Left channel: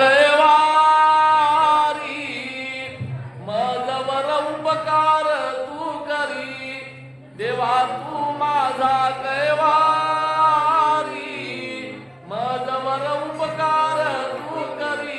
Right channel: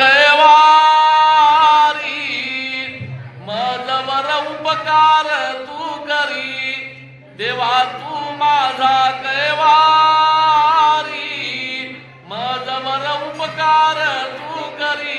कैवारी मजवर उपकार तू करी देवा तू माझा कैवारी मजवर उपकार तू करी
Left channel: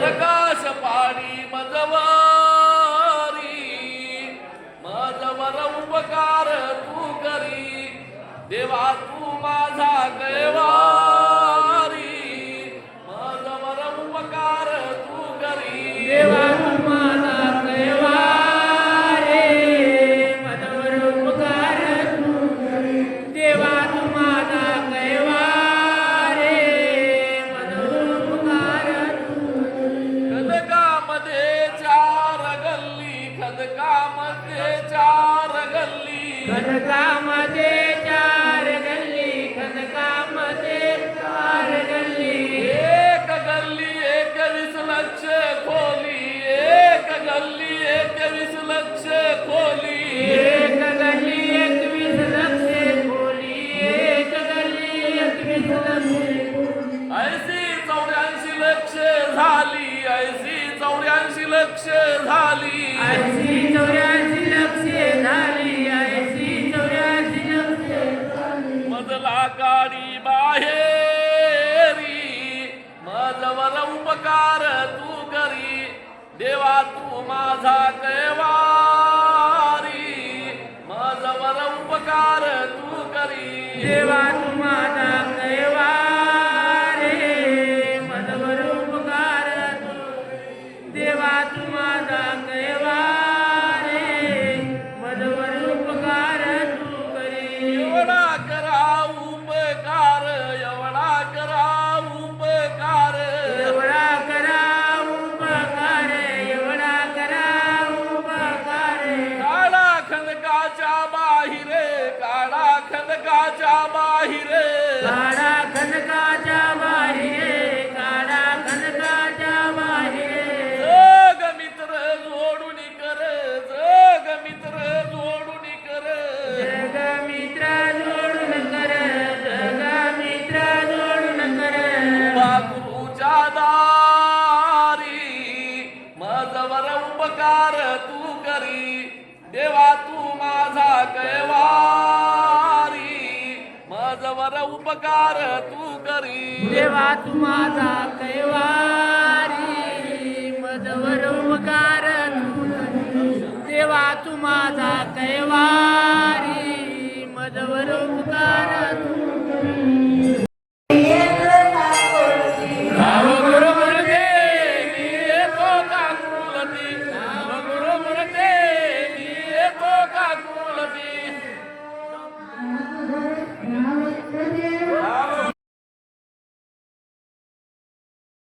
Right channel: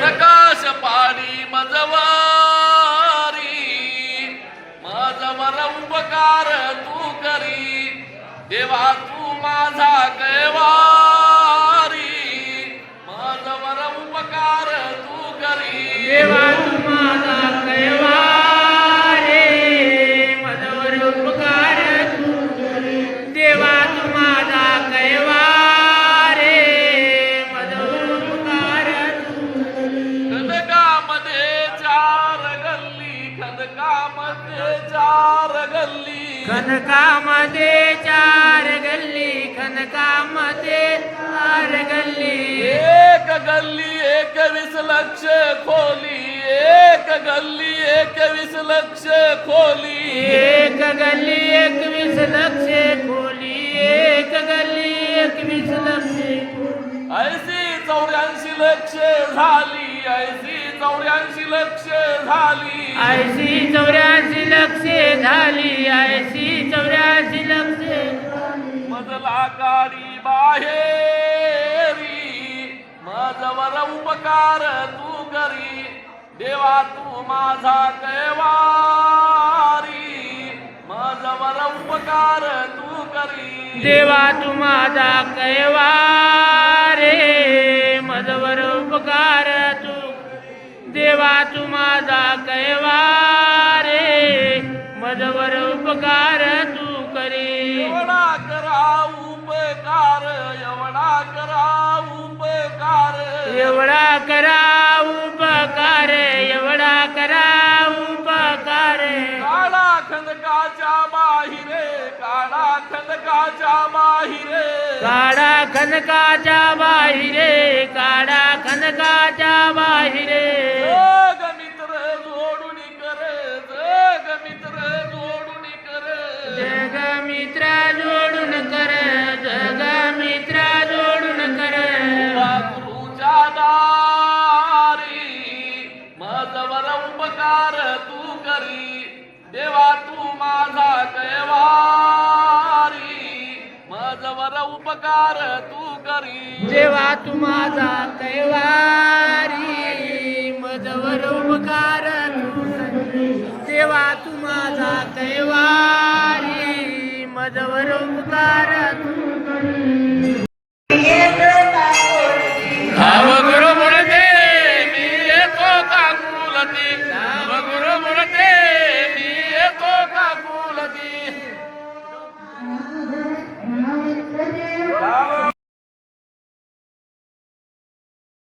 प्रकाश पाडी मजवारी मजवर उपकार तू करी देवा तू माझा कैवारी मजवर उपकार तू करी देवा तू माझा कैवारी मजवर उपकार तू करी देवा तू माझा कैवारी मजवर उपकार तू खदकामध्ये चार गल्ली खदकामध्ये चार गल्ली खनकामध्ये चार गल्ली खनकामध्ये चार गल्ली एक गल्ली 21 लक्ष खोली एक गल्ली 21 लक्ष खोली एक गल्ली 21 लक्ष खोली एक गल्ली 21 लक्ष ऐशी 84 लक्ष झाली ऐशी 84 लक्ष झाली 84 लक्ष झाली 84 लक्ष मजला काडी बाहेरी मजवर उपकार तू करी देवा तू माझा कैवारी मजवर उपकार तू करी देवा तू माझा कैवारी मजवर उपकार तू देवा तू माझा कैवारी मजवर उपकार तू करी एवढा करा उपकार एवढा करा उपकार एवढा करा उपकार एवढा करा उपकार काळा खंदकाच्या बाहिरे काळा खंदकाच्या बाहिरे काढा खनकाच्या बाहिरे काढा खनकाच्या बाहिरे जग मित्र जोडून कर जग मित्र जोडून कर जग मित्र जोडून कर जग मित्र जोडून कर देवा गुरुच्या दारी मजवर उपकार तू करी देवा तू माझा कैवारी मजवर उपकार तू करी देवा तू माझा कैवारी मजवर उपकार तू करी. देवा तू माझा कैवारी